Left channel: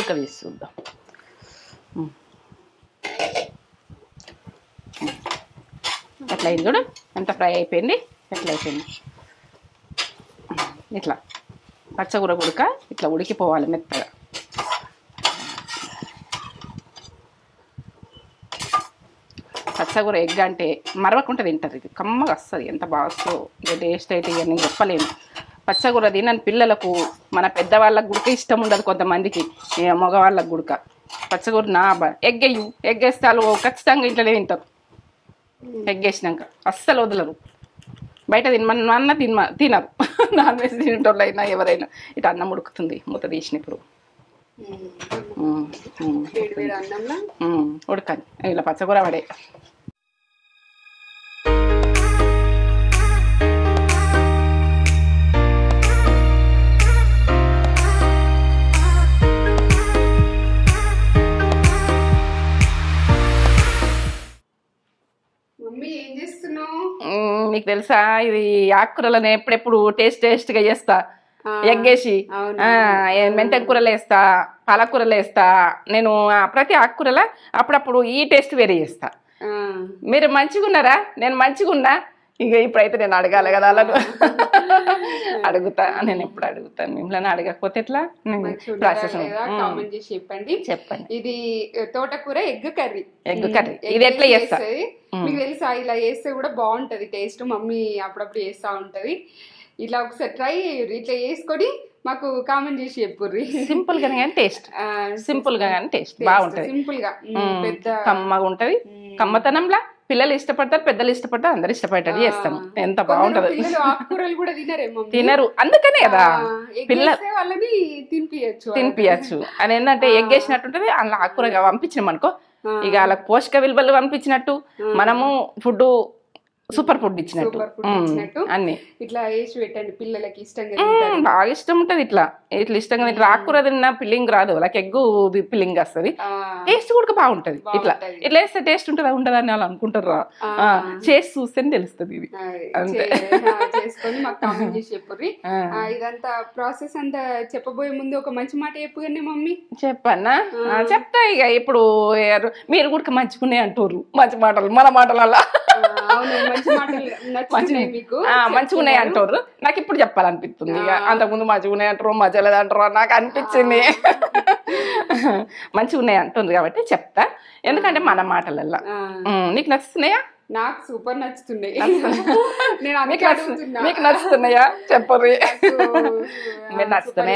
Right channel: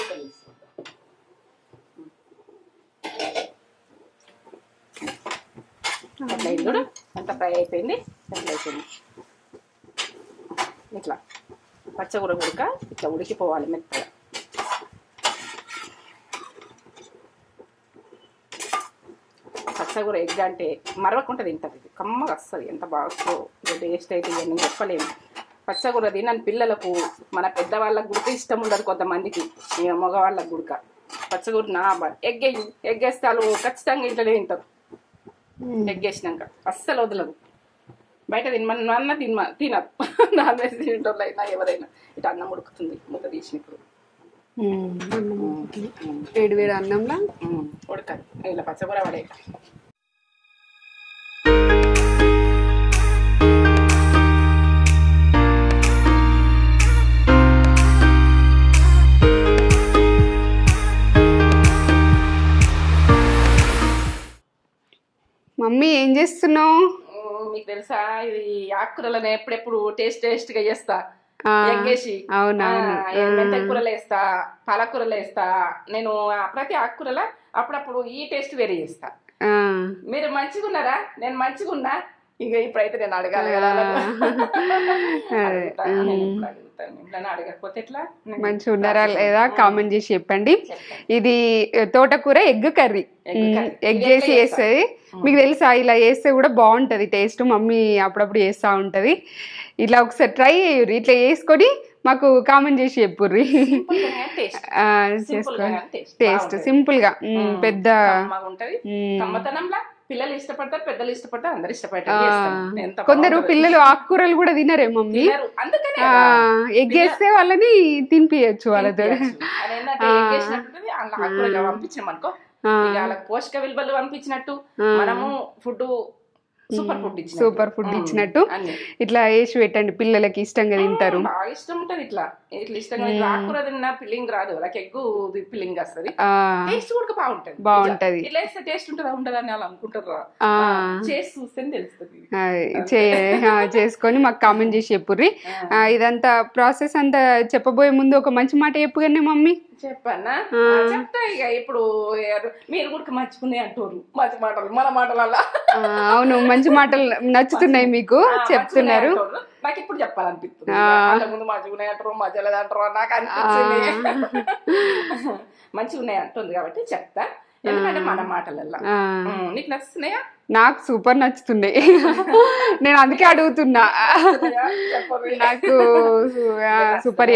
ఒక తీసి చూద్దాం. ఎట్లా అయింది చూడు, ఎంత ఫ్రై అయిపోయింది, ఎట్లా అయిపోయింది. ఇట్లా పచ్చగూర ఉడక ఇట్లా ఉడికిపోవాలి మెత్తగా. పచ్చగూర ఎగ్ అంటే మరవకుండా తింటారు, ఇది కమ్మగా వస్తుంది, ఎంత బాగా వస్తుందో. ఇక టేస్ట్ అయితే ఇక నేను చెప్పలేను. పచ్చగూర తినని పిల్లలకు, మన పెద్దవాళ్ళకు గుడక ఇష్టం ఉండదు కొంతమందికి, మగవాళ్ళకు గుడక. పచ్చగూర ఎగ్ వేయు, ఎగ్ వేస్తే వాళ్ళు ఖచ్చితంగా ఇంట్లోనే తింటారు. ఎగ్ వేసినాక అస్సలు వదలరు. బయట తినమన్న తినరు. నాన్ వెజ్ తినేటోళ్ళు అయినా ఎవరైనా. ఇటు అన్నం ఉడుకుతుంది మూత తీసినప్పుడు, వేడి వేడి అన్నంలో ఉడకాలి ఇలా పచ్చగూర పడే. మమ్మీ ఏం చేస్తున్నావు? నీకు తెలుసా ఇది ఆకుకూరలను ఎప్పుడెప్పుడు టేస్ట్గా చేస్తా. ఎగ్గేసి మెంతెం కూరలు వేస్తా, పాలకూరలు వేస్తా. నేను ప్రతి ఆకుకూరల అప్పుడప్పుడు ఈ టేస్ట్ వేరే చేస్తా. మీరు మంచిగా ఉన్నారా? నేను మంచిగా ఉన్నా. ఇక ఇప్పుడైతే నేను అడగాలి కదా, అలా అడుగుతా. నేను ఎప్పుడు అడుగుతాను, మిమ్మల్ని అడగకపోతే ఎట్లా? మంచిగా ఉన్నారా లేదా కామెంట్ చేసి చెప్పండి. ఇది తోటకూర ఎగ్ కర్రీ. చేస్తుంది మీకు తెలుసా? ఇలా చేస్తే కూడా బాగుంటది టేస్ట్. మమ్మీ అప్పుడప్పుడు చేస్తా ఉంటది. ఇట్లా ఒకసారి ట్రై చేయుర్రి, ఇట్లా చేసుకొని మాకు కామెంట్ చేసి చెప్పుర్రి. సింపుల్ గా టేస్ట్, సింపుల్ గా టేస్ట్, సింపుల్ గా పెద్ద కమ్మగా ఉంటది. కమ్మతనంలా పిల్లలు ఇష్టపడతారు, పెద్దలు ఇష్టపడతారు, అందరు ఇష్టపడతారు. చేస్తాం. ఎంత కొందరు పిల్లలు ఆకుకూరలు కూడా తినరేమో, తినరు. అందుకనే ఎగ్ వేస్తే వాళ్ళని తినిపించచ్చు. అది ఏంటంటే ఎగ్ వేసినట్టుంటది, అలా ఆకుకూర పంపించినాం అనుకో, ఇక వాళ్ళకి పోషక విలువలు పంపించినట్టు, మనము ఫుడ్ సూపర్ ఫుడ్ ఇచ్చినట్టు అన్ని ఇట్లా వేసి పెట్టండి, పిల్లలకి ఇష్టంగా తింటారు. బాగా ఇష్టం ఉంటది. ఇట్లా ఇట్లా ఇష్టంగా ఆకుకూర తిన్న పిల్లింగ్ రాదు, వాళ్ళకి ఎగ్గు పిల్లింగ్ వస్తుంది. టేస్ట్ కూడా బాగుంటది. ఇట్లా వేస్తే టేస్ట్ ఉంటుందా ఉండదా అని వాళ్ళు అనుకుంటారు. చేసి చూస్తేనే తెలుస్తుంది. ఇది చేసుకొని మాకు కామెంట్ చేసి చెప్పుర్రి. ఇదంతా ప్రాసెస్ అంతా చెప్పబోయే ముందు ఒక మంచి మాట చెప్పుగానే మమ్మీ. చెప్పన్నా? చెప్తా. ఇక ఇప్పుడు మీరు కూడా మంచిగున్నాయి అంటారు, మంచి మాటలు మన మాటలల్లా. అవును, మంచి మాటలు నచ్చుతున్నాయి మీకు, మంచిగున్నాయి అంటారు. నాకు ఇప్పుడు చెప్పాలనిపిస్తుంది. అంతకుముందు మంచిగున్నాయి అంటారు, మధ్యలో అంటారు, నాకు అనిపించింది. మంచిగా ఉన్నాయి అంటుంది కాబట్టి చెప్తా. ఎందుకంటే మన మాటలల్లా. నీకు నచ్చుతున్నాయా? నాకు సూపర్ నచ్చుతున్నాయి. నేను అందుకే అడుగుతున్నా, నచ్చుతున్నాయా చెప్పరు. సూపర్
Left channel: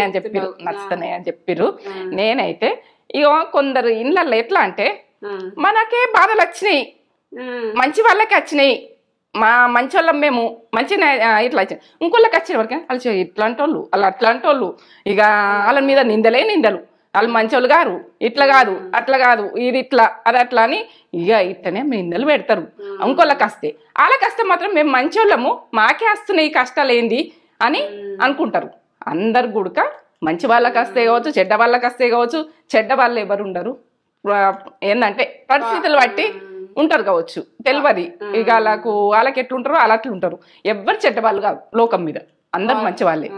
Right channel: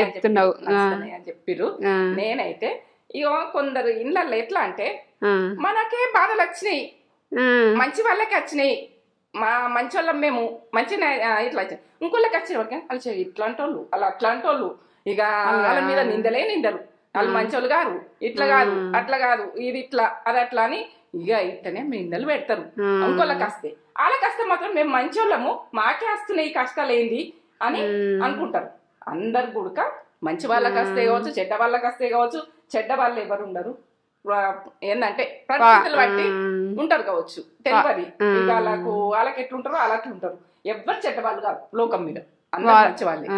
నచ్చుతున్నాయి అని చెప్పిర్రు. నేనైతే ఇక కొందరు ఇళ్ళల్లో ఎట్లా అంటే, మనకే బాధలు వచ్చినాయి, మంచి వాళ్ళకి వచ్చినాయి, మంచి వాళ్ళం మేము మంచిగా ఇట్లా వచ్చినాయి, ఇంకోళ్ళకి వచ్చిన వరకు వాళ్ళు ఇట్లాంటి వాళ్ళు, వాళ్ళు అట్లాంటి వాళ్ళు, ఇక వాళ్ళ మీద నిందలే నిందలు, వాళ్ళు మంచోళ్ళు గారు, ఇట్లా కాదు, అట్లా కాదు, ఇది ఇట్లా అది అట్లా అని ఇక ఇట్లనే నిందలు పెడతారు. ఇంకోళ్ళకి వస్తే, వాళ్ళకి వస్తే మాత్రం మేము మంచోళ్ళము, మాకే వస్తున్నాయి కష్టాలు ఏంది అని అనుకుంటారు. అందరు గుడక మంచి వాళ్ళకి వస్తే కావచ్చు, చెడ్డ వాళ్ళకి వస్తే కావచ్చు. చెడ్డ వాళ్ళు ఎవరు ఉండరు, ఏంటంటే పరిస్థితులు బట్టి ఉంటారు కావచ్చు, తెలియదు. ఇక వాళ్ళకి ఎట్లుంటారో అలా అట్లుంటారు. ఎవ్వరు చెడ్డ వాళ్ళు కాదు లోకం మీద, అందరు మంచి వాళ్ళే.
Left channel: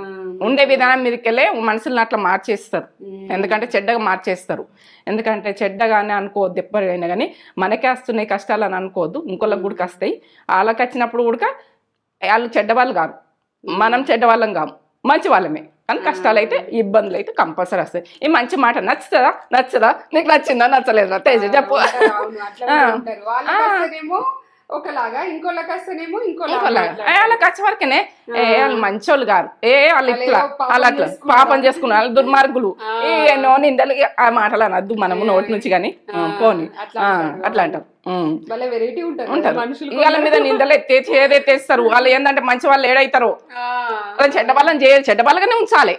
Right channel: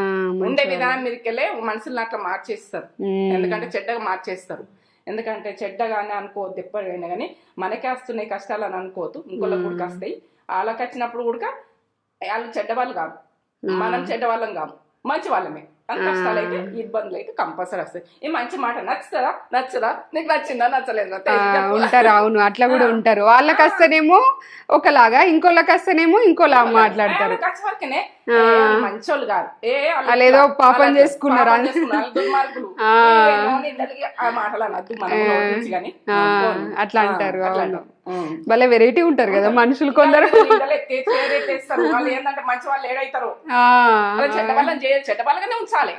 ఉండే విధానం మీదకెళ్ళే మనుషులను అట్లా మార్చేస్తారు. ఎందుకంటే చెడ్డగా మార్చేస్తారు. ఎందుకంటే చెడ్డగానే అనుకోవద్దు ఎప్పటికైనా కానీ. మనకే వస్తున్నాయి కష్టాలు అని అనుకోవద్దు, ఇంకోళ్ళకి గుడికి వస్తాయి. వాళ్ళకి వచ్చినప్పుడు కూడా వాళ్ళు చెడ్డవాళ్ళు కాదు, మనం చెడ్డవాళ్ళం కాము, మంచి వాళ్ళమే. కానీ కష్టాలు అయితే ఇబ్బందులు అయితే కంపల్సరీ వస్తాయి. ఈ మంచి మాట నచ్చుతుందా నచ్చదా, నీకు నచ్చిందా నచ్చలేదా చెప్పు. అవును, అట్లా కూడా ఉంటారు. వాళ్ళకి వస్తేనేమో ఒకలాగా, ఇంకోళ్ళకి వస్తేనేమో ఇంకోలాగా మాట్లాడారు. వాళ్ళకి వచ్చే వరకేనే మంచోళ్ళు కాదు, పాపం చేసుకున్నారు, దుర్మార్గులు, నిందలు ఆ మాటలు అనద్దు మనము నోటి నుంచి. కానీ అట్లా అంటారు, అట్లా అంటాం. వాళ్ళ వెరైటీ ఉంటారు కదా మనుషులు, నిందలు ఎత్తేస్తారు. వాళ్ళు ఏంటంటే మంచి వాళ్ళు ఏడైతారో, చెడ్డ వాళ్ళని చేయాలి, చెడ్డ వాళ్ళగానే ఉంచాలి,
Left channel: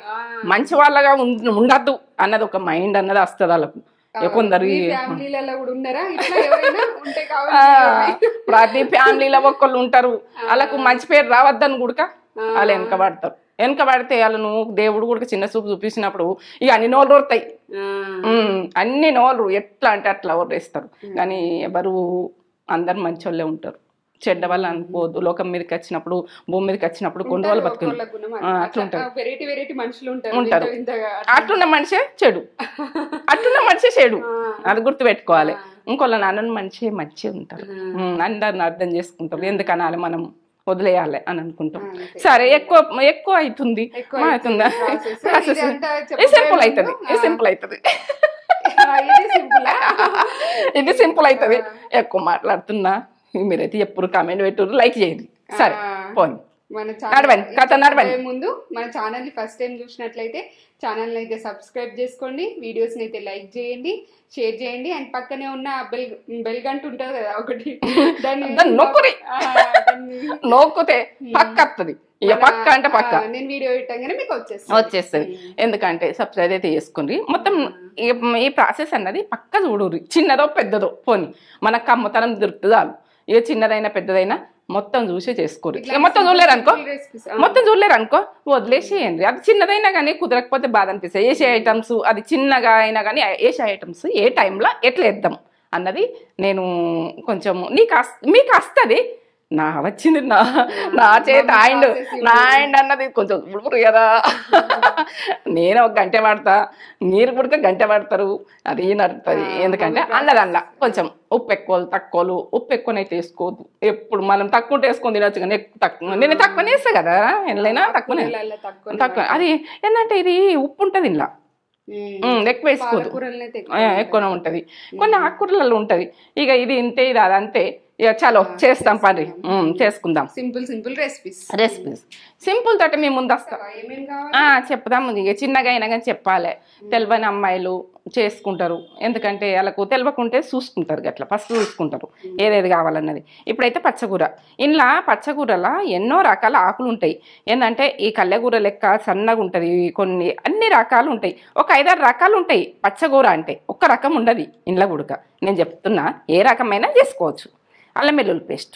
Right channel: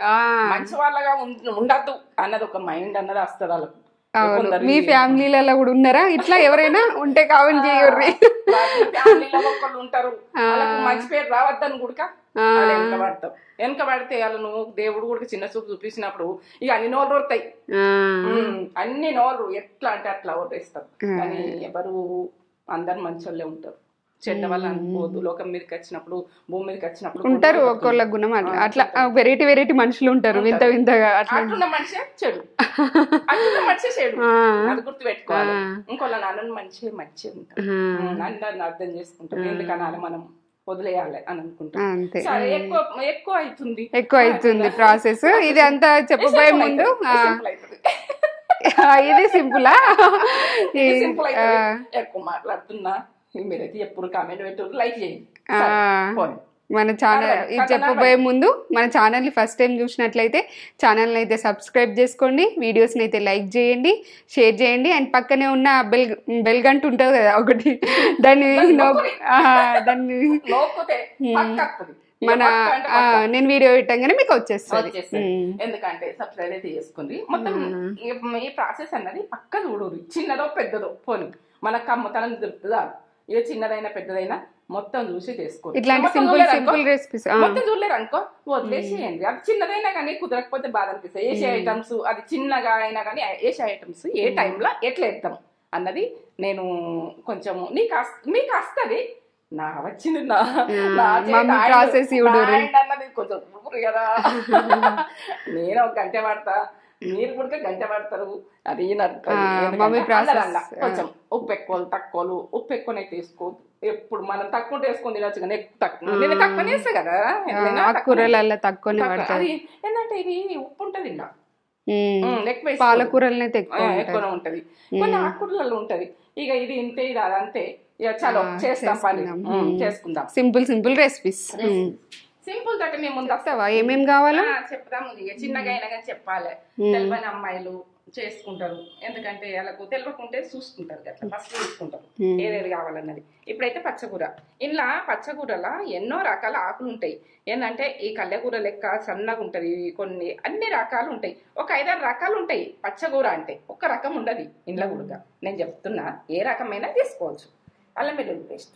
మంచి వాళ్ళగా ఉండద్దు అన్నది ఒక మైండ్ అన్నది వస్తుంది వాళ్ళకు. కొందరు మీ ఫ్యామిలీలలో కూడా ఉన్నారా ఇట్లా? ఎవరైనా ఉంటే కావాలి, ప్రతి ఫ్యామిలీలో ఒక్కళ్ళు ఉంటారు. వాళ్ళకు మంచి పేరు రావద్దని గుడక వాళ్ళు వెనకబడతారు. వెనకబడితే వాళ్ళను దేవుడు కూడా చిన్న చూపు చూపించినప్పుడు ఇక అన్ని నోళ్ళు ఓడతాయి, అన్ని నోళ్ళు ఎట్లా అంటే అట్లా ఓడేస్తారు. కానీ ఎవరు అందరు మంచి వాళ్ళే ఉంటారు. చెడ్డ వాళ్ళు అనుకోవద్దు. లోకం మీదకి వచ్చినప్పుడు, భూమి మీదకి వచ్చినప్పుడు ఒక్కొక్క గుణం అట్లా వెరైటీ వెరైటీ మనుషులు ఉంటారు. అట్లున్న మనిషే చెడు, అట్లున్న మనిషే చెడు, అది గుర్తు పెట్టుకోవాలి. ఇంకోళ్ళ నాన్న మనిషి మంచిగా ఉంటారు, అందరిని అర్థం చేసుకుంటాం. ఎందుకనాలి మనం వదిలేయాలి అని అనుకుంటాం. సరే ఎక్కువ అవుతుంది ప్రాసెస్. ఇది అంతా సింపుల్ అవుతుంది, ఇది సింపులా, ఇది సింపుల్ అవుతుంది. ఎక్కువ మాట్లాడుతున్నా మీరైతే ఎప్పుడు కామెంట్ పెట్టు, లైక్ చేయండి. మన ఛానల్ ముందు మన ఛానల్ ని ఫస్ట్ టైం చూసినట్లయితే ఛానల్ అయితే సబ్స్క్రైబ్ చేసుకోండి, వీడియోస్ ని అయితే లైక్ చేయండి, షేర్ చేయండి. అండ్ పక్కనే ఉన్న బెల్ గంట ఉంటుంది కదా ఒకటి, దాన్ని నొక్కితే పక్క వస్తుంది. నేను వీడియో పెట్టగానే మీకు వచ్చేస్తుంది. ఎందుకంటే సబ్స్క్రైబ్ అయితే చేసుకోండి. మొత్తం ఈ ప్రాసెస్ అన్నది పక్క చూడు, చిన్నదో పెద్దదో పోని మనకు కమ్మతనం దొరుకుతుందా. ఇక చిన్నదైనా పెద్దదైనా మొత్తం చూసి చేసుకోండి. మొత్తం చూడలేరు అనుకో వదిలేసేయండి. అది చిన్నదైనా కానీ కుదరకపోతే బాధ అనిపిస్తాయి. వేసే ఐటమ్స్ అది చిన్నగా అయినా కానీ వేసే ఐటమ్స్ ఏ టైంలో ఎట్లా వేద్దాం అన్నది నేను కొంచెం మీకు వస్తుంది. నా వచ్చింది నా చేతి ఆయన అన్నది కొంచెం ఉడుపురు కదా. నేను ఒక గంట పడతా, మీరు కూడా గంట పడతారు, అది నడుతుంది. ఎందుకంటే అన్నదల్లా కొంచెం ఉప్పు ఎక్కువ తక్కువలు, ఉప్పు ఎక్కువనైతే వేసుకోవద్దు. ఎప్పుడు మనం తక్కువ వేసుకొని తినొచ్చు కానీ తక్కువ నేను తక్కువ వేస్తా కదా, ఎంతైనా తక్కువ. అది ఏంటంటే ఇది ఉప్పు ఉంటుంది ఇలా ఎక్కువ, ఎక్కువనే ఉంటది, కొన్ని ఆకుకూరలలో ఉంటది. ఇక ఇది ఇంతే, ఇది అదంతే. ఇక చలో చేస్తాం పని, చేసుకుందాం. Simple recipes. సింపుల్ తోటి మేము ముందు వస్తావా, ఏమేమి కావాలా చెప్దాం. ఇక చిన్నగా అయినా కానీ చెప్పాలి. తెలియని అమ్మాయిలు చేసుకుంటారు, ఎందుకంటే వాళ్ళకు తెలియకుంటే చూసుకుంటారు, అట్లా ఫస్ట్ చూసుకుంటారు ఏదేది కావాలన్నది. ఇప్పుడైతే పచ్చకూర. ఇంట్లో పచ్చకూరలో ఎన్నో రకాల ఆకులు ఉంటాయి. ఏంటంటే ఈ కళ్ళెకూర లెక్క సన్నగా ఉంటుంది, కొన్ని అన్ని రకాలు ఉంటాయి. ఒక 5-6 రకాలు ఉంటాయి పచ్చకూర అంటే. ఒక్క రకం ఉండదు ఇంట్లో గుడక. నేను చెప్తున్నా, ఏ రకమైనా చేసుకోవచ్చు. అల్లం వెల్లుల్లి పేస్ట్,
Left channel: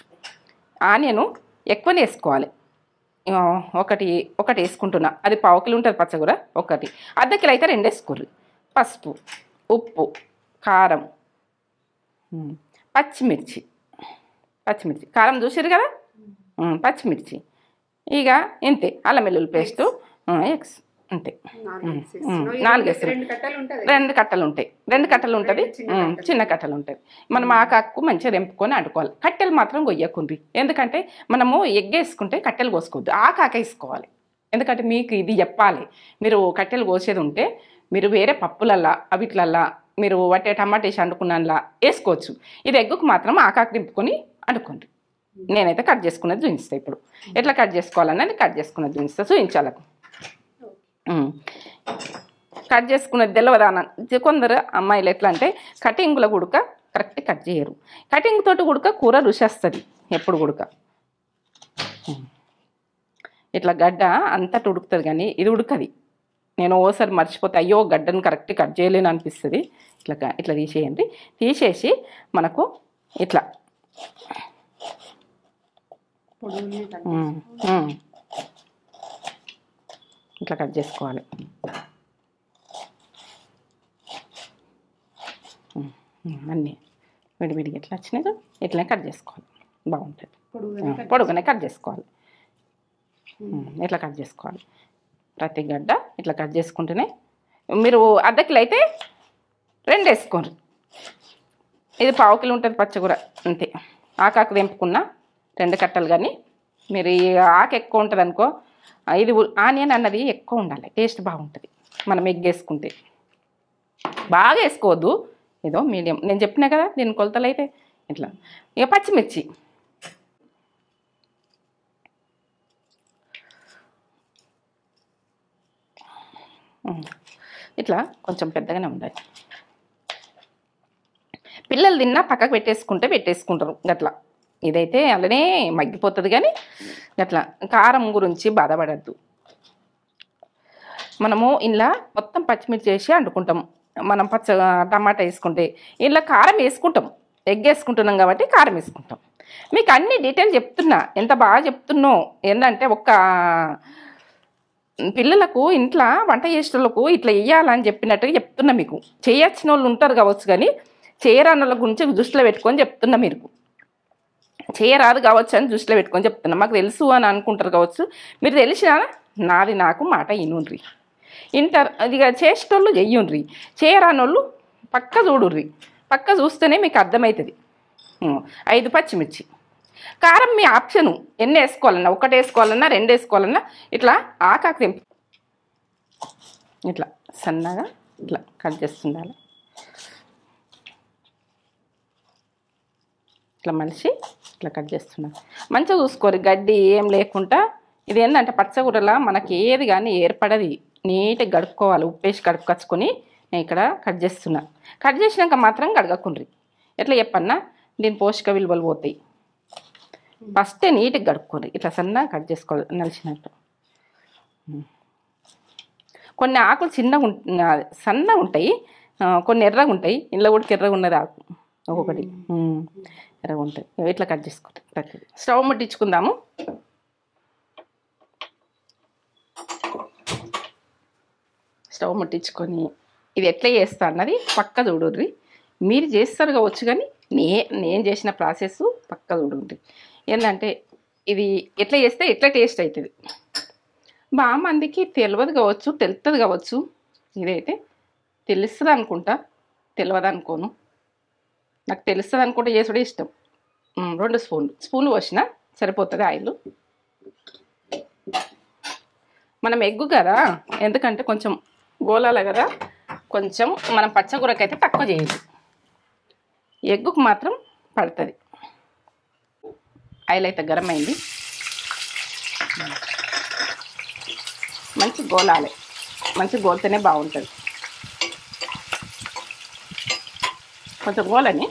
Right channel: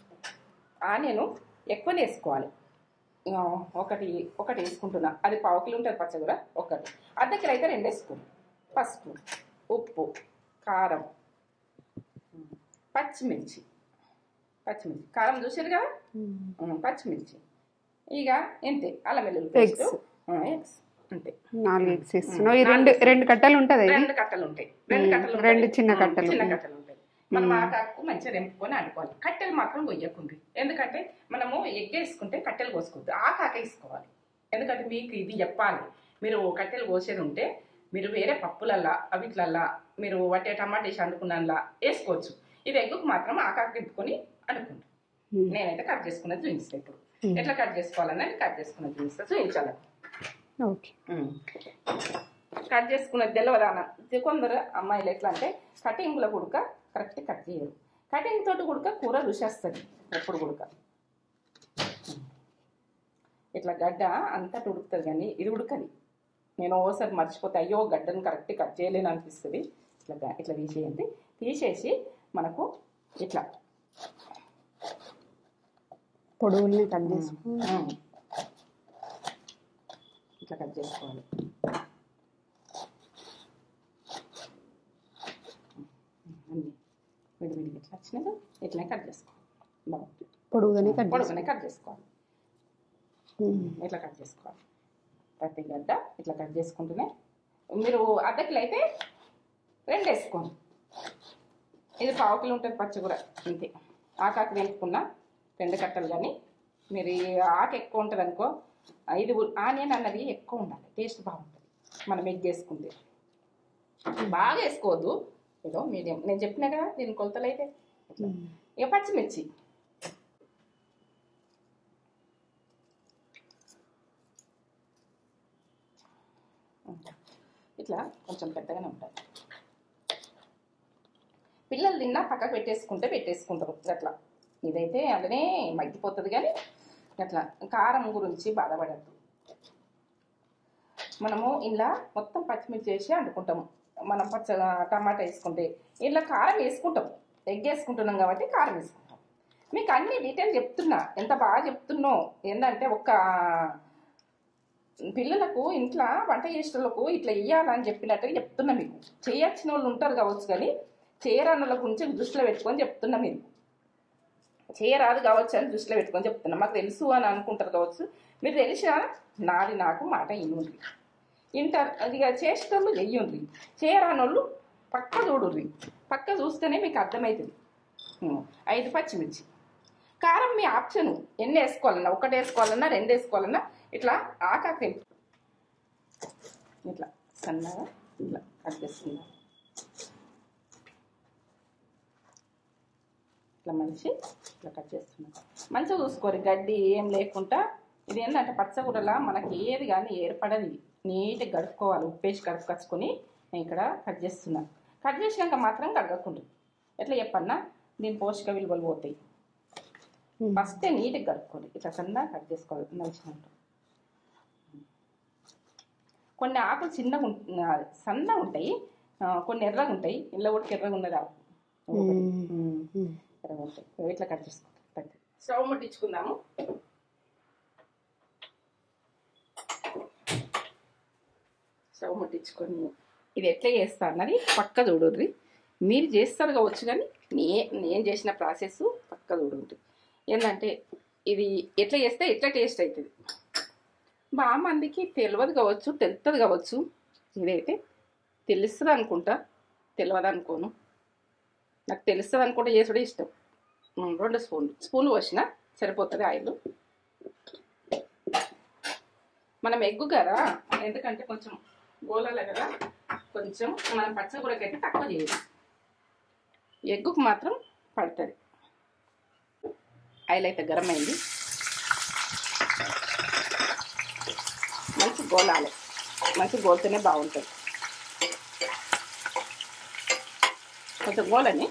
ఆనియన్ ఎక్కువనే వేసుకోవాలి. ఒకటి వేసుకుంటున్నా, అది 1/4 కిలో ఉంటుంది పచ్చకూర. ఒకటి అర్ధ కిలో అయితే 2 వేసుకోరు. పసుపు, ఉప్పు, కారం, పచ్చిమిర్చి కారం చూసారు కదా, పచ్చిమిర్చి. ఇక ఇంతే. అల్లం వెల్లుల్లి పేస్ట్, ఎగ్స్ అంతే. 2 కట్టలు ఉంటాయి, 2 కట్టలు ఉంటాయి, 2 కట్టలు ఉంటాయి, చిన్న కట్టలు ఉంటాయి. మనం ఆకాకు మంచిగా తెంపుకొని వండుకోవాలి. కట్టెలు మాత్రం కొయ్యకుండ్రి, ఎందుకంటే మనము ఎగ్ వేసుకుంటే కట్టెలు కోసుకోవద్దు, ఆకాక వేసుకోవాలి. ఎందుకంటే మీకు ఇది చెప్పాలి, మీరు కట్టెలు కోసేది ఉంటే మీరు వేరే పప్పులల్లా అవిట్లల్లా మీరు వట్టే టమాటా వేసి వండుకున్నలా వేసుకోవచ్చు. ఇది ఎగ్గుకు మాత్రం ఆకాకు దింపుకొని వండుకోండి. నేనైతే కట్ చేసుకున్నది చూపిస్తాను. ఇప్పుడు ఎట్లా కట్ చేసుకోవాలన్నది కట్ చేసుకున్నది చూపిస్తా, చూపించాలి. కట్ చేసుకున్నది తెల్లవదాన. కొందరు అమ్మాయిలు ఎట్లా అంటే కటింగ్లో గుడక కరెక్ట్ కట్ చేయరు. కటింగ్ తోటి గుడక కూర రుచి వస్తుంది ఎప్పుడు గుడక. ఇట్లా గడ్డ అంతటి ఉడుకుతుంది కానీ ఇది ఉడకది. నేను ఓసారి మర్చిపోతే అయ్యో గడ్డను కరెక్ట్ కట్ చేయలేను అనిపిస్తుంది. ఇట్లా తీసేయండి. తీసేసి మనకు ఇట్లా ఇట్లా కట్ చేసుకోవాలి. అన్నీ విడివిడిగా ఎట్లా వచ్చినాయి ఇట్లా కట్ చేసుకోవాలి. బాగుంటుంది. పొడుగునే కట్ చేసుకోవాలి. ఇట్లా కట్ చేసుకోవాలి. ప్రతి గడ్డ ఇట్లా కట్ చేసుకుంటేనే. మీరు అర్ధ కిలో అయితే 2 వేసుకోండి. ఇది 1/4 కిలో ఉంటుంది పచ్చకూర అంతే. ఆకాకు తెంపుకున్న 2 కట్టలు. కానీ మీరు ఈ ఆకు ఎక్కువ ఉంటుంది అనుకో, ఇది ఆనియన్ అన్నది ఎక్కువ ఉండాలి, టేస్ట్ బాగుంటుంది. మనం ఎగ్ వేసుకుంటే బాగా వేసుకోవద్దు, ఏదో మీడియం. నేను చెప్పినా కదా దీని కొలతలు అయితే ఇట్లా. ఇక పచ్చిమిర్చి ఇట్లా కొంచెం పెద్దగానే ఉండాలి. పిల్లలు తిన్నా పక్కకు పెట్టేసుకుంటారు గట్లా. ఇదైతే అలానే మగ్గిపోతుంది. కానీ గట్లా కారం గురించి బాధపడద్దు. మనము ఇలా మొత్తం పచ్చిమిర్చి వేసి వండుకుంటాం. మనం టమాటా వేసుకుంటే ఇలా కారం వేసుకుంటాం. ఎగ్ వేసుకుంటున్నాం కాబట్టి కారం వేసుకుంటాం. మీకు అన్ని డీటెయిల్ చెప్తున్నా, ఎంత బాగా చెప్తున్నో. ఏంటంటే ఒక్క పిల్లలకు ఇంట్లో వంట చేసేటోళ్ళకు ఇట్లా వేయాలని చెప్పినట్టుగా చెప్తున్నా. మీకు చేయొచ్చిన వాళ్ళు ఉంటారు కావచ్చు, కానీ చేయరాని వాళ్ళ గురించి దృష్టిలో పెట్టుకొని చెప్తున్నా. మీరు చేయరాదు కావచ్చు అని దృష్టిలో పెట్టుకొని చెప్తున్నా. మాకు తెలుసు అని అనుకుంటారు కావచ్చు. మీరు తెలిసినా నాది నాకు మాట ఇనుండ్రి. ఇక చేసేటోళ్ళు చెయ్యుండ్రి, చేయరానోళ్ళు పక్క చూడుర్రి. పక్క చూస్తేనే మీకు అర్థమవుతుంది. 5 పచ్చిమిర్చి. కారం మీ ఆప్షను, ఎన్ని వేసుకోవాలన్నా, 1 వేసుకోవాలన్నా 2 వేసుకోవాలన్నా. ఇట్లా ఆకాకు తెంపి ఇట్లా సన్నగా ఇట్లా కట్ చేస్తుండాలి. ఇట్లా మలిసి ఇట్లా కట్ చేస్తున్నాను. మంచిగా చూసుకోరు, గడ్డి ఏం లేకుండా. ఇది ఏంటంటే పచ్చగూరలా మనకి ఏది కానీ ఏర్పడది. నీట్గా గడుపుకోవాలి, ఉప్పేసి కడుపుకొచ్చుకొని నేను ఇక్కడ కట్ చేస్తున్నాను. కట్ చేసినాక మాత్రం కడగకుండ్రి. ఎట్లా చెప్పన్నా, దీని పోషక విలువలు పోతాయి. ఫస్టే నీట్గా గడుపుకోండి. ఇట్లా సన్నగా కట్ చేసుకోవాలి నలిచినట్టు. కొన్ని ఆకులు సన్నగా ఉంటాయి, కొన్ని ఎర్రగా ఉంటాయి. ఇంట్లో కూడా ఎర్రగా ఉన్నది ఆకు ఒక్కొక్కటి ఎర్రగా ఉంటాయి. ఇట్లా కట్ చేసుకోండి. స్టవ్ ముట్టించుకుందాము. స్టవ్ ముట్టించుకొని ఇది ఎట్లా చేస్తా అన్నది పక్క చూడుర్రి. మీరు చేస్తారు కావచ్చు, కానీ నేను చేసిన ప్రాసెస్ పక్క చూడుర్రి. ఏంటంటే ఇది ఎట్లా చేస్తే ఎట్లా టేస్ట్ అవుతుంది. బాగా మందికి తెలియదు కావచ్చు, తెలుస్తుంది కావచ్చు. ఇదైతే తెలుస్తుంది అనుకుంటా, తెలియదు అనుకోను. నాకు తెలుస్తుంది అనుకుంటే చేసుడే ఇష్టం. 2 స్పూన్లు పోసిన సరిపోతుంది ఆయిల్. మనం ఎగ్గు కదా, ఎందుకంటే కొంచెం గోలాల కదా, కొంచెం మనం పచ్చకూరకైతే తక్కువ చేయాలి. ఎగ్గుకు మాత్రం పడుతుంది. ఆయిల్ అయితే గరం అయింది. మంచి గోలాలి, మంచి గోలితేనే బాగుంటుంది. కొంచెం గోలని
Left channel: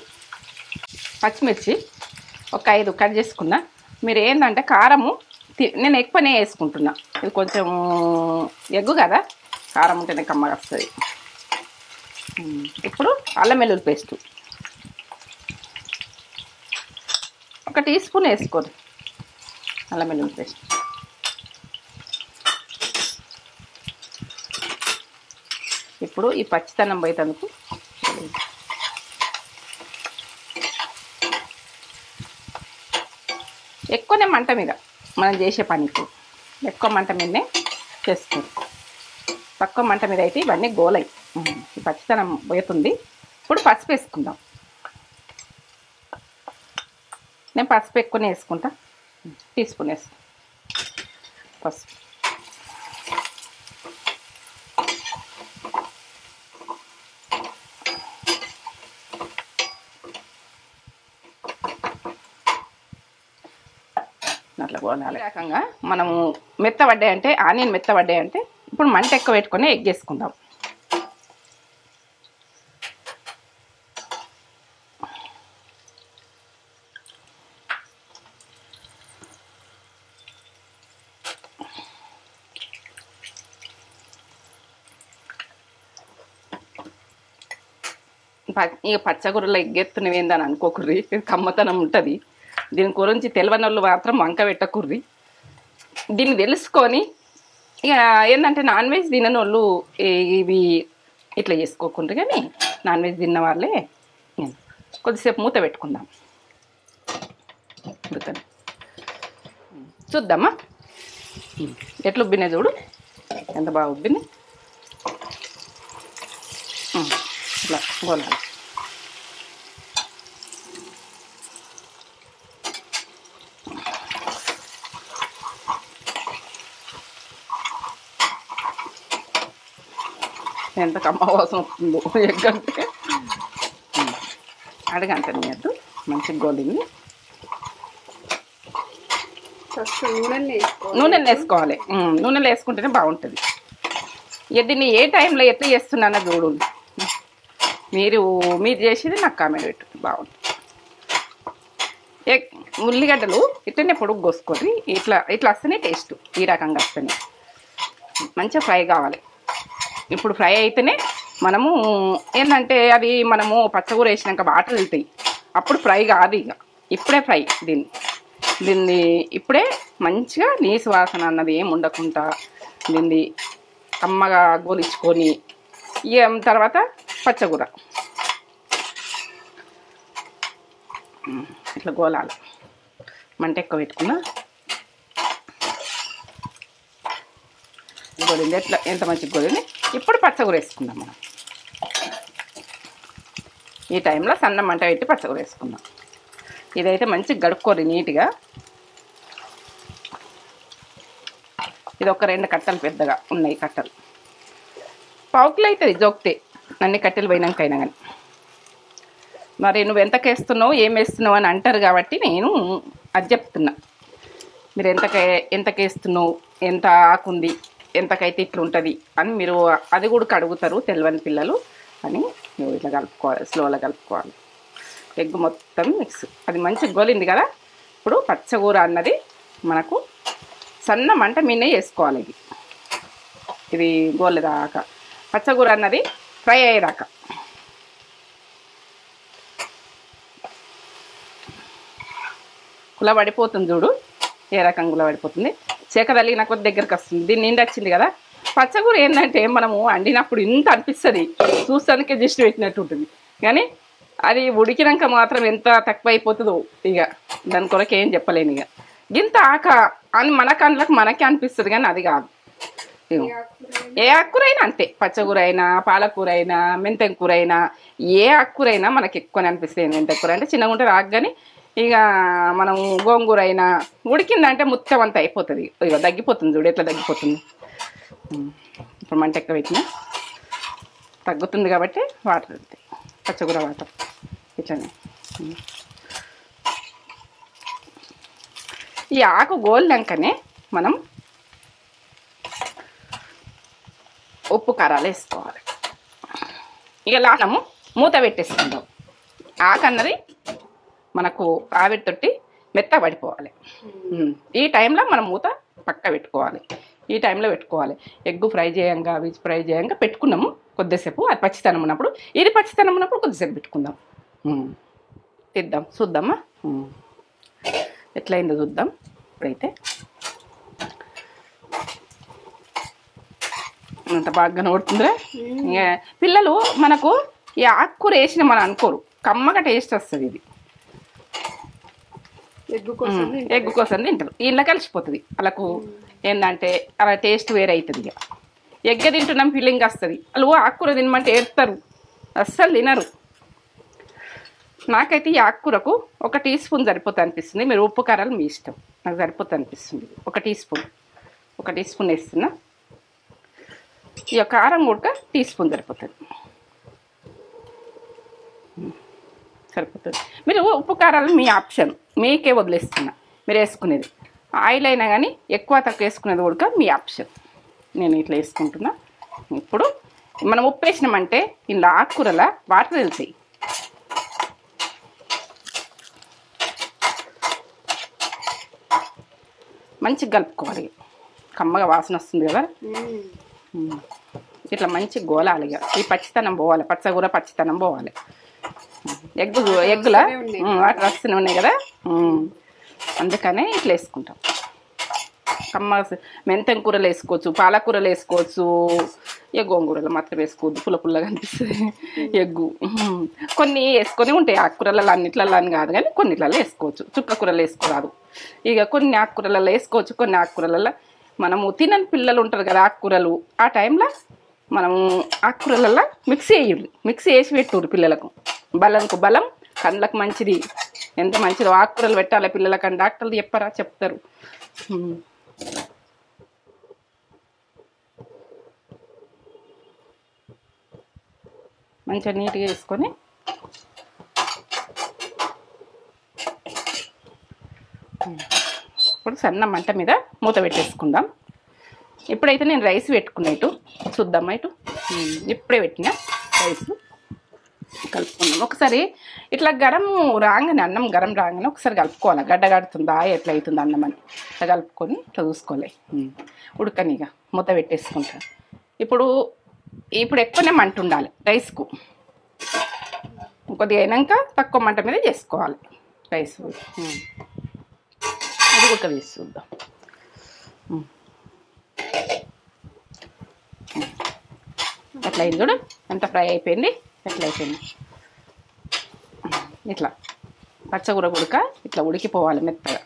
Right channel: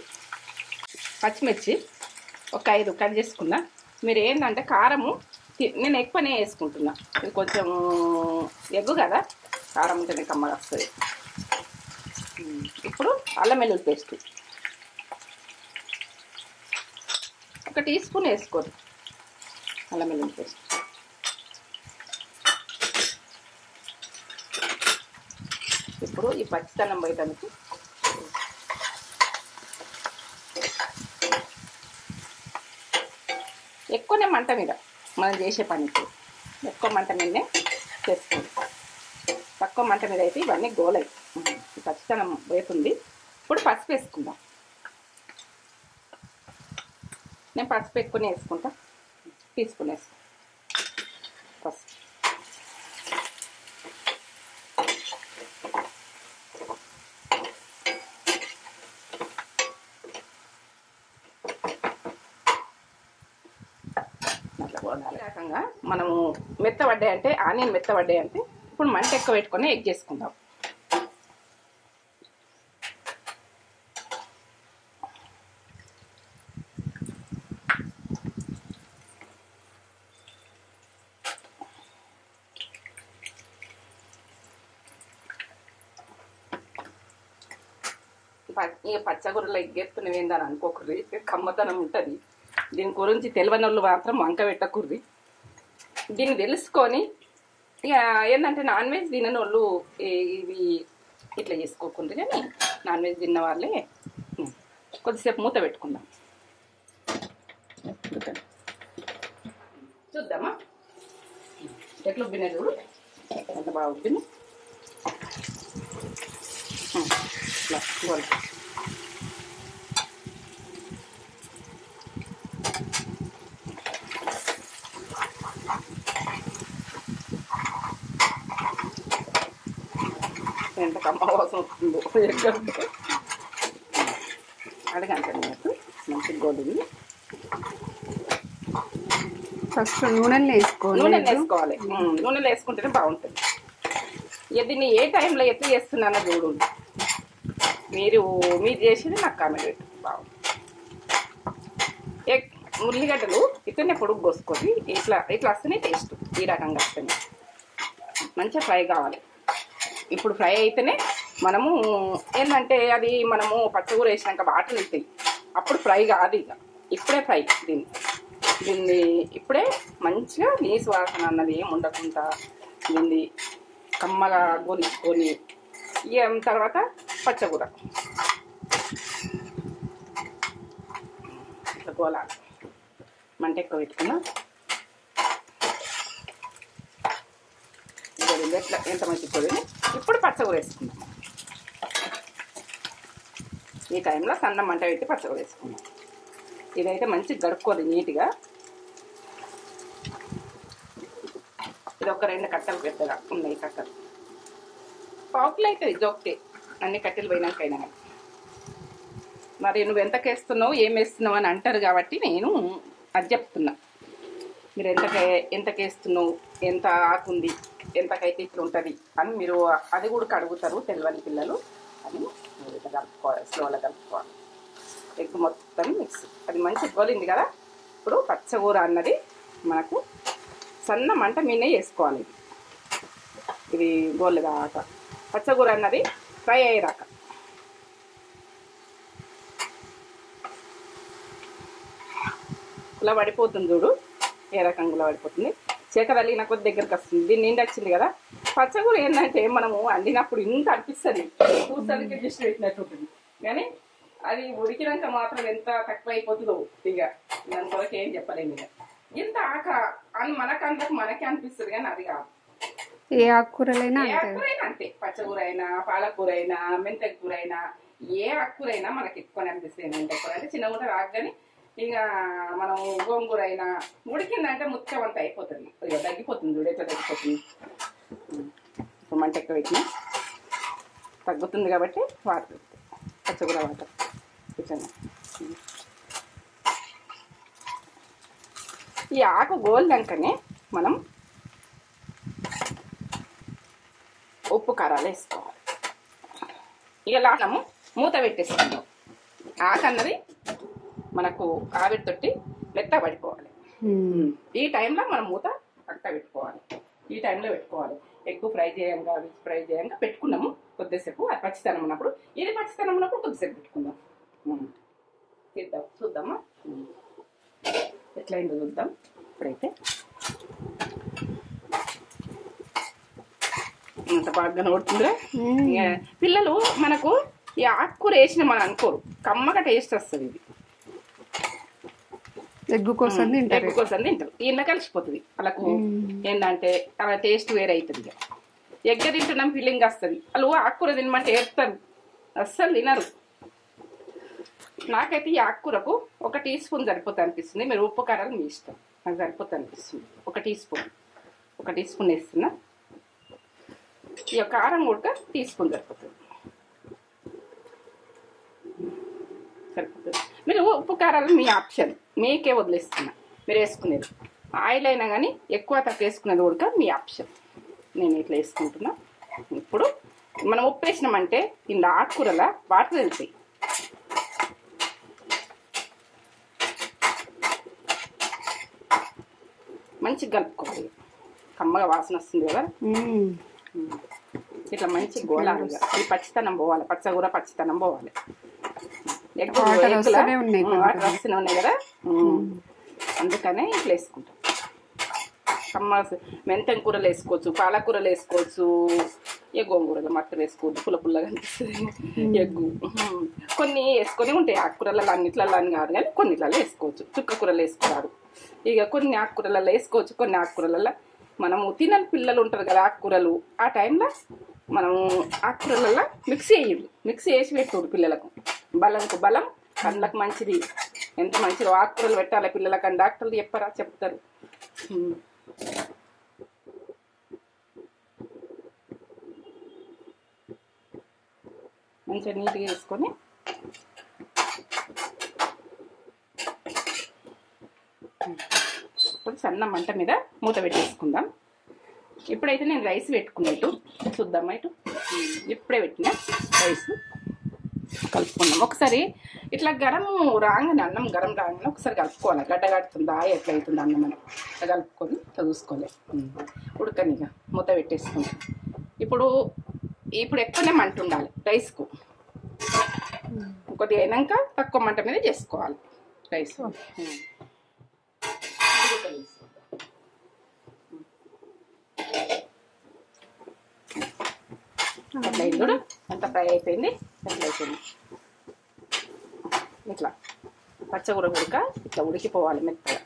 పచ్చిమిర్చి ఒక 5 కట్ చేసుకున్నా. మీరు ఏంటంటే కారము నేను ఎక్కువనే వేసుకుంటున్నా. ఇది కొంచెం ఎగ్గు కదా, కారం ఉంటేనే కమ్మగా వస్తుంది. ఇప్పుడు అల్లం వెల్లుల్లి పేస్ట్ ఒక టీ స్పూన్ వేసుకోండి. అల్లం వెల్లుల్లి పేస్ట్ ఇప్పుడు ఈ పచ్చితనం పోయేందుకు ఎక్కువనే మంట మీద మనం చేసే పనికి ఎక్కువ మంట మీదనే చేస్తుంది. తక్కువ మంట మీద అయితే ఇవన్నీ గోలై ఈ పచ్చితనం పోతుంది. ఇప్పుడు పసుపు వేసుకుందాం. నేను పసుపు ఎక్కువనే వేసుకుంటా. టీ స్పూన్ వేసుకుంటా పసుపు. అట్లా పోనాలి. రకంగా మనము మెత్తబడ్డాయంటే ఆనియన్ మెత్తబడ్డాయంటే ఇప్పుడు మంట ఎక్కువ పెట్టుకొని ఎగ్ వేసుకుందాం. ఇక పచ్చగూరలో ఎగ్గెత్తున్నవి ఏందని అనుకోకుర్రి, కమ్మతనం ఉంటుంది. దీని గురించి తెలియని వాళ్ళు మాత్రం వంక పెట్టకుర్రి. దీన్ని తెలుసుకొని ఇక ఏంటంటే నాన్ వెజ్ తినని వాళ్ళు ఇవి ఇట్లా చేసుకోకుండ్రి. కానీ నాన్ వెజ్ తిన్న వాళ్ళే కొద్దిసేపు మూత పెట్టుకుందాం. చూద్దామా ఎట్లా ఉబ్బినాయి చూడు, ఎంత బాగా ఉబ్బింది. ఇట్లా గోలాలి. ఎంత కమ్మ వాసన వస్తుందో ఎగ్గంటే అడగంటే నేను మంచిగా గోలింది. ఫస్ట్ నూనెలు వేసుకోవాలి. నూనెలు వేసుకుంటేనే బాగుంటుంది. ఇక దీన్ని ఏ టైంలో ఎట్లా చేస్తున్నానో చూడు. మీరు చేసేది నాకు కామెంట్ పెట్టు. బాగుంది. ఉల్లిగడ్డలు ఇట్లనే పొడుగు కోసుకొని ఇట్లా వస్తేనే టేస్ట్. ఈ రకంగా వస్తేనే మంచిగా ఫ్రై కావాలి. ఇప్పుడు ఫ్రై అయితేనే మనము ఏంటంటే అవి మనము పచ్చగూర వేసినాక వాటర్ వెళ్తాయి, అప్పుడు ఫ్రై కాదు. ఇక ఇప్పుడే ఫ్రై. దీన్ని ఇప్పుడే మంచిగా నీసు వాసన అన్నది ఏం ఉండకుండా దీన్ని కమ్మగా గోలించుకొని ఇక తర్వాత పచ్చగూర ఇట్లా గోలాలి. మంట ఎక్కువ పెట్టుకున్నా. గోలింది ఎట్లా ఎంత మంచిగా గోలింది. ఇప్పుడు పచ్చగూర వేసుకుందాం మనం. ఈ టైంలో సన్న మంట పెట్టి పచ్చగూర వేసుకుందాం. ఇదైతే మంచిగా గడుక్కోరు నీట్గా. ఇది ఒక 2 కట్టలు పెద్దగా ఉన్నాయి కట్టలు. పావుకిలో అవుతుంది జోక్తే అన్ని కట్టెలు పోయినాకైనా కానీ. మరి నువ్వు ఎంతకు వేస్తున్నావు ఏం వేస్తున్నావు అని అంటారు కాబట్టి నేను అది చెప్తున్నా. మీరు ఎంతకు వేస్తున్నావు, ఎంత ఆకుంది, ఎంతకైతే ఇట్లా ఉంటుంది అని మీరు అది కూడా అడుగుతారు తెలియని పిల్లలు అని. నువ్వు ఇట్లా కలుపుకోవాలి, స్లోగా కలుపుకోవాలి. ఎగ్ మొత్తం మిక్స్. అది మంచిగా గోలింది కదా. ఇప్పుడు పచ్చగూర అన్నది మనకు సన్న మంట మీనే వేసుకోవాలి. ఇది గోలేదాకా పచ్చగూర అన్నది ఫ్రై అయ్యేదాకా. గుల పడిపోతుంది చూడు, ఏ రకంగా గుల పడిపోతుంది. చేక తలిగిన కొద్ది దగ్గరికి వస్తుంది. దీన్ని నిండి వచ్చింది కదా. పచ్చగూర ఏంటంటే మనము వండినప్పుడు ఇంత అనిపిస్తుంది, చూస్తానికి జస్ట్ పెట్టినట్టు ఉంటుంది. కానీ అది ఉడికినాక మాత్రం ఎంత తక్కువ అయిపోతుందో ఇక దాని కొరకు ఏం చెప్పలేను. ఇక ఇంత ఆక అని మన కళ్ళకు మనకే అనిపిస్తుంది, కానీ అది కాదు. ఏ ఆకుకూర అయినా అంతే. పచ్చగూర అయినా, పాలకూర అయినా, మెంతెం కూర అయినా, ఏ ఆకుకూర అయినా మనకి ఎక్కువనే అనిపిస్తుంది. మెంతెం కూర అంటే చిన్నగా ఉంటే రాకు, కానీ ఇక మనం గోంగూర అయినా ఉడికిందంటే మొత్తం అంతా అయిపోతుంది. ఇక తగ్గిపోతుంది చూడు ఎట్లా తగ్గిపోతుంది. ఇప్పుడు మంట ఎక్కువ పెట్టినా తగ్గుతుంది కాబట్టి వాటర్ అవుతాయి. పచ్చగూర వాటర్ ఇట్లనే. ఈ ఆకు గోలినాకనే మనం ఉప్పు కారాలు వేసుకోవాలి. ఇక లానము మూత పెట్టేసుకుందాం. ఆకు అన్నది మనకు ఆవిరితోటి మెత్త పడిపోవాలి. ఈ టైంలో మనం మూత పక్క పెట్టుకోవాలి. ఈ టైంలో పెట్టుకోవాలి. ఎగ్ ఫ్రై చేయంగా, వెజ్ ఫ్రై చేయంగా పెట్టుకున్నాము కొద్దిసేపు. అది పచ్చితనం ఉన్నప్పుడు, ఇది పచ్చితనం ఉన్నప్పుడు కొద్దిసేపు పెట్టుకుందాం. తిద్దాం, చూద్దామా ఎట్లయిందో చూద్దాం. ఇప్పుడైతే అంత బాగా నోడుతుందిరా. పిల్లలు మనకు ఈ ఆకుకూర వేసిన మనం అనుకోరు, కమ్మగా టేస్ట్ వస్తుంది. ఇది ఎగ్ కోసం తింటారు. ఇలా కలిసిపోతుంది. వాళ్ళకు ఏంటంటే అలా టేస్ట్ వేరే అవుతుంది. ఎగ్గ తింటున్నాం ఫీలింగ్ వస్తుంది. వాళ్ళు ఆకుకూర తినమంటే ఏడుస్తారు, అస్సలు తినరు. నాకైతే ఈ ఆకుకూరకు 1 టీ స్పూన్ సరిపోతుంది అనిపిస్తుంది. మీరు ఉప్పు కారాలు మీ ఇష్టం. నాకు సరిపోతుంది అనిపిస్తుంది. 1 టీ స్పూన్ వేస్తున్నా. ఇక కారం కూడా టీ స్పూన్ సరిపోతుంది. మీరు ఉప్పు కారాలు మీ ఆప్షన్, మీకే వదిలేస్తున్నా. మీరు వేసుకునేది ఆయిల్ అయినా కానీ ఎక్కువ తక్కువ వేసుకునేది కూడా మీ ఆప్షన్. నేను ఇట్లా వేసుకుంటున్నా. ఇప్పుడు మనం ఉప్పు వేసినామంటే ఇలా ఆకుకూరల వాటర్ వెళ్తాయి. మంచిగా కలుపుకోవాలి. కమ్మగా వాసన వస్తుంది కదా. ఇట్లా మంచిగా గోలాలి. ఇక ఈ పచ్చితనం పోవాలి, పచ్చగూర పచ్చితనం పోవాలి. ఎగ్గుల వాటర్ వస్తూనే ఉన్నాయి కదా, అందుకనే ఇట్లా వేసుకుంటాం. కమ్మ మెంతెం కూరలు వేసుకోవచ్చు, పాలకూరలు వేసుకోవచ్చు, ఇక గోంగూరలు మాత్రం వేసుకోవద్దు, పుల్లగా అనిపిస్తుంది ఎగ్గు. కొన్ని వేసుకొని ఉంటాయి ఆకుకూరలలో, అన్నిట్లలో అని కాదు కానీ కొన్నిట్లలో వేసుకోవచ్చు. చుక్క కూరలు వేసుకోరాదు. ఇక కొన్ని ఆకుకూరలలో వేసుకోవచ్చు, కొన్ని ఆకుకూరలలో మనము తినని పిల్లలు ఉంటారు కదా ఆకుకూరలు, ఆ టైంలో మనము ఆకుకూరలలో మిక్సీ వేసి పెట్టుకోరు పిల్లలకు. బలంకు బలం, కళ్ళకు మంచిది. ఎంత మంచిదో ఆకుకూరలు పెట్టాలి పిల్లలకని డాక్టర్లు చెప్పారా, చెప్తారు. మంచిగా నీట్గా వేసుకొని ఇప్పుడు సన్న మంట మీద మూత పెట్టేసుకుందాం. ఇప్పుడైతే నేను రైస్ పెట్టుకున్నట్టు చూద్దామా. ఇటు ఇప్పుడే పెట్టిన రైస్ కలుపుకుందాం. ఒకసారి ఇట్లా గరం రాగానే, అన్నం గరం రాగానే ఒకసారి కలుపుకోవాలి. గడ్డ కడుతుందా ఎట్లా అవుతుంది అన్నం అని ఇట్లా కలుపుకొని ఇట్లా చూసుకోవాలి. ఉడకనిగా మూత పెట్టేసుకుంటా. ఇప్పుడు ఎక్కువనే మంట ఉండాలి రైస్కు. కొద్దిగా అయినాక తక్కువ మంట మీద చేసుకోవాలి రైస్. అది ఒక వేసి చూద్దాం. ఎట్లా అయింది చూడు, ఎంత ఫ్రై అయిపోయింది, ఎట్లా అయిపోయింది. ఇట్లా పచ్చగూర ఉడక ఇట్లా ఉడికిపోవాలి మెత్తగా.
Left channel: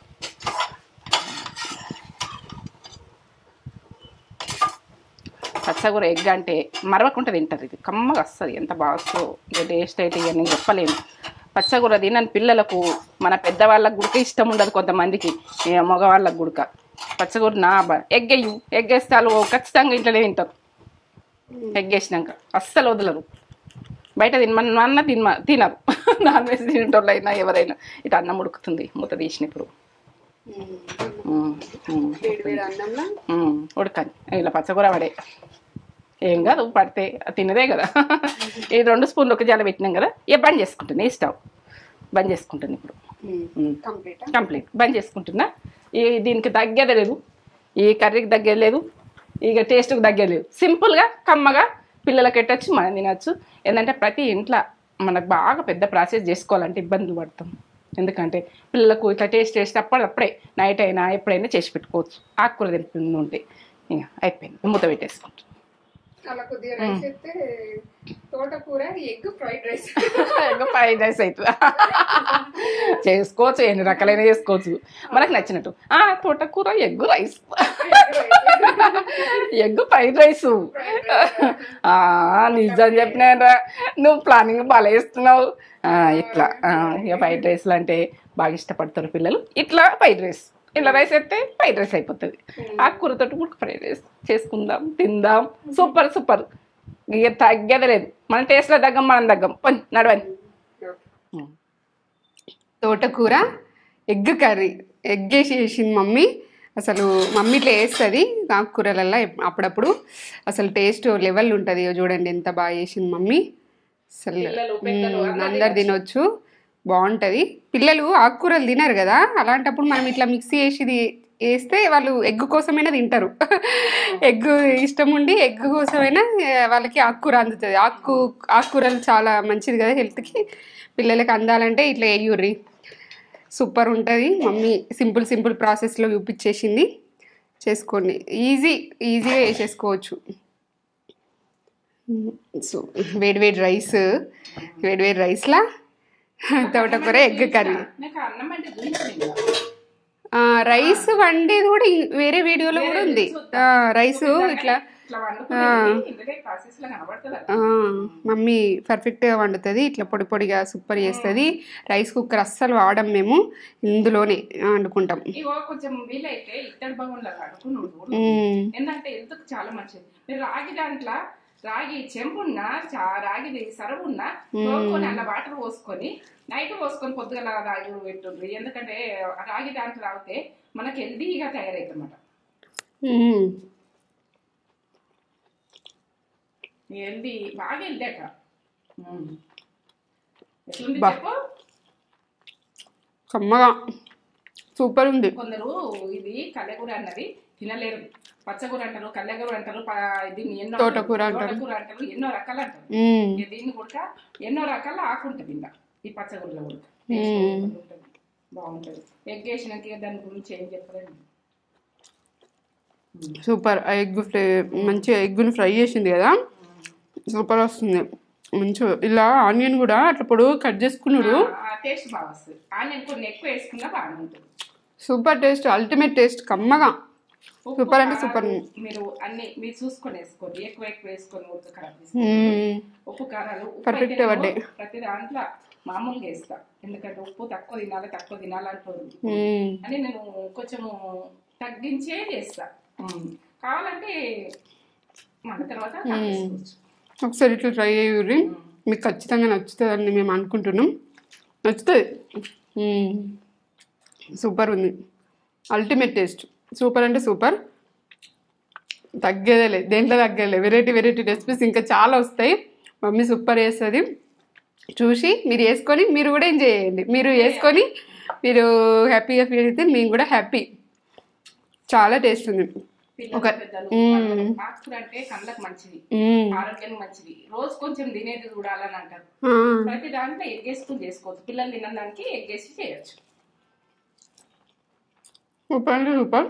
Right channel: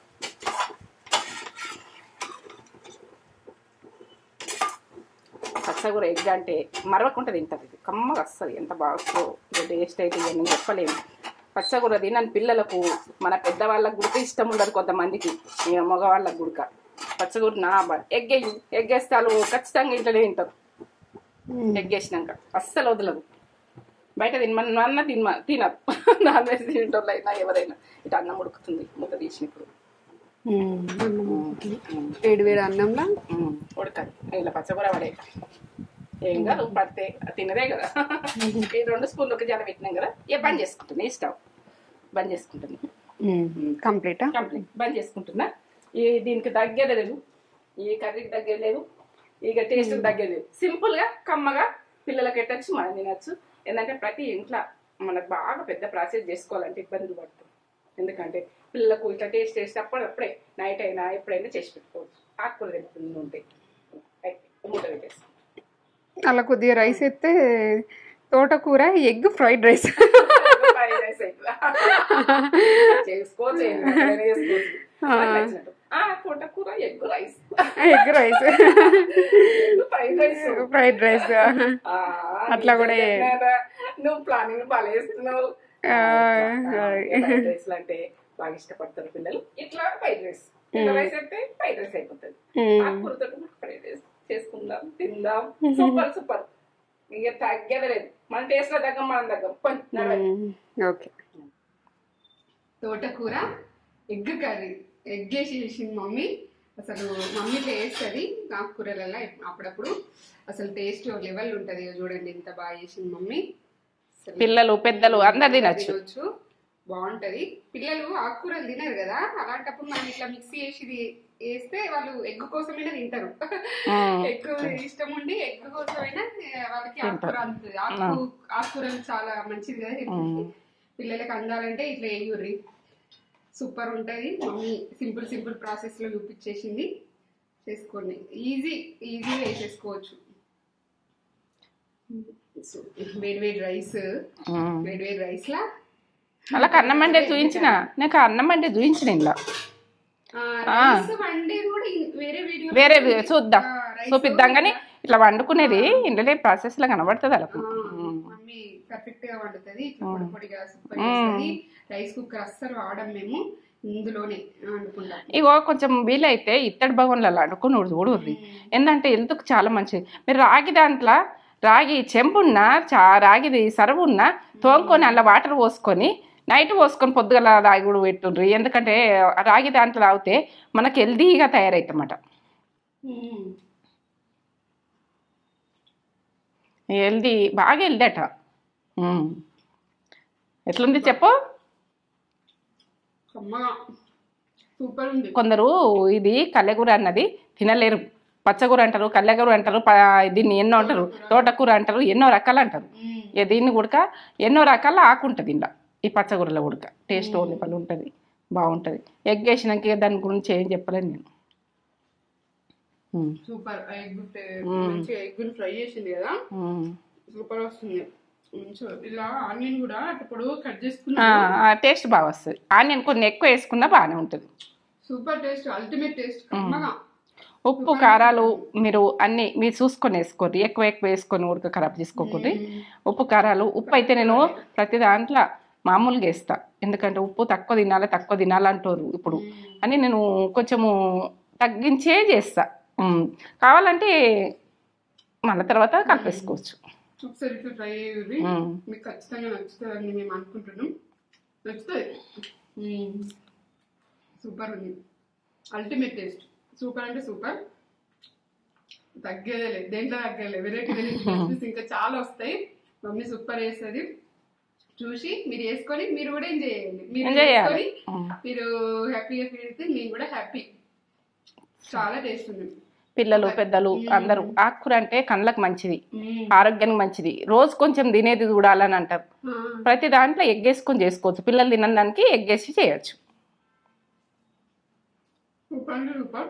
పచ్చగూర ఎగ్ అంటే మరవకుండా తింటారు. ఇది కమ్మగా వస్తుంది, ఎంత బాగా వస్తుందో టేస్ట్ అయితే ఇక నేను చెప్పలేను. పచ్చగూర తినని పిల్లలకు, మన పెద్దవాళ్ళకు గుడక ఇష్టం ఉండదు కొంతమందికి, మగవాళ్ళకు గుడక. పచ్చగూర ఎగ్ వేయు, ఎగ్ వేస్తే వాళ్ళు ఖచ్చితంగా ఇంట్లోనే తింటారు. ఎగ్ వేసినాక అస్సలు వదలరు. బయట తినమన్న తినరు. నాన్ వెజ్ తినేటోళ్ళు అయినా ఎవరైనా. ఇటు అన్నం ఉడుకుతుంది మూత తీసినప్పుడు, ఉడకాలి. ఇలా పచ్చకూర పడే ఏం కాదు, పడితే తినదే కదా. ఈ 2 స్పూన్లు ఒక జాల పెట్టినాం కదా, ఇక బంద్ చేసుకుంటుంది. ఈ స్టవ్ బంద్ చేసుకుంటుంది ఇప్పుడు. కంప్లీట్ బంద్ చేసుకుంటున్నా. దీనికి తగ్గేది లేదు, ఈ కర్రీకి తగ్గేది లేదు, ఇక టేస్ట్కి తగ్గేది లేదు. సింపుల్గా కమ్మగా పిల్లలకి పెట్టచ్చు, మనం తినచ్చు. ఏంటంటే ప్రతి ఇంట్లో మనకు బాగా పెద్ద ప్రాసెస్ చేసుకోవాలంటే ఇబ్బందులు పడతాం. ఎందుకంటే పిల్లలకు ఇట్లా టేస్ట్ అప్పుడే నైట్ అయినా ఎప్పుడైనా చేసి పెట్టుకోవచ్చు. ఆకుకూర తింటుంది ఉంటే ఇక అయిపోయింది, మూత పెట్టేసుకుంటాం. అలా కొద్దిగా రైస్ అయితే తోటకూర ఎగ్ ఫ్రైడ్ రైస్ అవుతుంది. చేసుకోవచ్చు, ఎన్ని రకాలైన చేసుకోవచ్చు మనకు నచ్చినట్టు. తోటకూర egg rice, egg fried rice చెప్పినా నువ్వు ప్లానింగ్ బాగా వేస్తున్నావు. ఇట్లా ఫ్రైడ్ రైస్లు అంటే బాగా ఇష్టపడతారు పిల్లలు. ఇట్లా ఫ్రైడ్ రైస్, ఇట్లా రైస్ అయితే ఫ్రైడ్ రైస్ అయిపోతుంది. ఆకుకూరతో కూడా ఫ్రైడ్ రైస్ చేసుకుందాం, తిందాం. సూపర్ సూపర్, ఇక తగ్గేది లేదు. మన టేస్ట్లో తగ్గం, మనం తగ్గం. నడవండి. ఓకే, తోటకూర ఎగ్ కర్రీ, ఎగ్ వేసేసింది మమ్మీ. అసలు మమ్మీ ఇట్లా వేస్తుంది ఆకుకూరలల్లో అప్పుడప్పుడు. అసలు టేస్ట్ లెవెల్ ఉంటుంది. చూడండి ఎంత బాగా చేసింది మమ్మీ. అసలు పిల్లలు పెద్దలు అందరూ తినొచ్చు, బాగుంటుంది. పిల్లలు ఆకుకూరలు తినరు కదా, అలాంటప్పుడు మనం ఇట్లా మిక్సీ వేస్తే వాళ్ళు ఎగ్ కోసమైనా తింటారు. ఎగ్ ఇష్టం ఉండి ఎగ్ కోసమైనా వాళ్ళకి ఆకుకూర అందుతుంది. ఆకుకూరలు చాలా మంచిది కదా హెల్త్కి. పిల్లలకి అందాలంటే ఇట్లా వేయుర్రి, సూపర్ ఉంటుంది. మమ్మీ సింపుల్ ప్రాసెస్లో చూపించేసింది. చేసుకోండి, ఈజీగా వేసేసుకోవచ్చు. సో వేడి రైస్లా నాకు అన్నం అంటే చూపించిన ఇలా రైస్ వండేది కూడా వేరే వీడియోలో చూద్దాం. రైస్ ఇట్లా వండుకునేది ఇంట్లో ప్రాసెస్ లో కనబడుతుంది. మమ్మీ పర్ఫెక్ట్ గా వండుతుంది, ఇట్లా పొడిగా సూపర్ చేస్తుంది. రైస్ కుక్కర్ అస్సలు వాడం మేము, ఇందులోనే వండుకుంటాం. ఇగో కొంచెం వీలైతే ఇత్తడి భవన్లలో వండుకుని చూడు, ఎందుకంటే హెల్త్కి చాలా మంచిది. మీరు రాగి చెంపున్నా రాగిది సరువున్నా తోముకొని అలా వాటర్ పోసుకొని నైట్ పోసుకొని పొద్దుగల రాగి కూడా పెట్టుండ్రి. ఎందుకంటే రాగి దాంట్లో తాగితే మనకు హెల్దీగా తయారవుతామట. బాగా హెల్దీ అట. ఎట్లుంది చెప్పు? కమ్మగా సూపర్ ఉంది. కొందరు ఇది కల్లెగూర అన్నది తినలేరు, పచ్చగూర అంటారు, కల్లెగూర అంటారు, దీన్ని ఎన్నో తోటకూర అంటారు, ఎన్నో రకాలు అంటారు. దీన్ని ఉడక ఎన్నో రకాల ఆకుంటుంది ఇలా. ఈ పచ్చగూరలో ఉడక టేస్ట్ ఉంటుంది, బాగుంటుంది. ఎగ్ వేసినాక దాని గురించి ఏం చెప్పలేను నేను. సూపర్. ఎగ్ ఫ్రై మంచిగా ఎగ్గుని ఫ్రై చేసింది కదా, సూపర్ వస్తుంది. మంచిగా ఇలా ఆనియన్ కూడా అట్లా పొడుగు కట్ చేసుకున్నా టేస్ట్ బాగా వస్తుంది. ఆనియన్ కొన్ని ఎక్కువ వేసుకున్నా బాగానే ఉంటుంది. సూపర్ టేస్ట్, అల్టిమేట్ టేస్ట్, కమ్మగా. ఉప్పు కారాలు మీరు చూసుకొని వేసుకోండి, ఎక్కువ వేసుకొని ఉడక ఖరాబ్ చేసుకోండి. ఉప్పు కారాలు, ఉప్పు అయితే నేను ప్రతి దాంట్లో మామూలుగా వేస్తా. ఎందుకంటే ఉప్పు తక్కువ తినాలంటారు ఇప్పుడు అని నేను కొంచెము తగ్గించే చేస్తా. కావాలంటే మళ్ళీ తర్వాత కలిపేసుకోవచ్చు. ఒకసారి ఇట్లా ట్రై అయ్యి మీకు ఖచ్చితంగా నచ్చుతుందని మేము అనుకుంటున్నాం. నచ్చుతుంది, సూపర్ ఉంది, అల్టిమేట్ టేస్ట్. సూపర్ అంటే సూపర్, తగ్గేదేలే, దేంట్లో తగ్గేలే. వెరైటీ రెసిపీస్ ఇంకా చాలా వస్తాయి. మమ్మీ సూపర్ చేస్తుంది. చూసి మీరు వేసుకొని మీరు కూడా ఎంజాయ్ చేయండి. మీరు వేసుకొని మీరు హ్యాపీగా ఫీల్ అయితే మేము కూడా హ్యాపీ. చాలా టేస్ట్ ఉంది. పిల్లలు పెద్దలు అందరూ ఆకుకూర అంటే కళ్ళకి మంచిది, ఆరోగ్యానికి మంచిది. రోజు కొంచెం తినేది చూడాలని అంటారు. ప్రతి దాంట్లో ఎగ్ వేసుకొని చేసుకోవచ్చు. పిల్లలు తినని దానికి ఎగ్ వేసి చేయొచ్చు. సూపర్ అంటే సూపర్.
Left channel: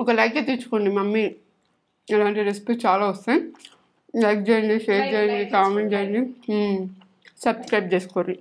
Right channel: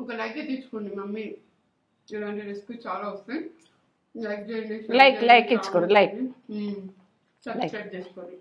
ఒక లైక్ తెచ్చుకోండి. మమ్మీ ఇలాంటి రెసిపీ చాలా వస్తాయి. లైక్ చేయండి, షేర్ చేయండి, కామెంట్ చేయండి, సబ్స్క్రైబ్ చేసుకోండి.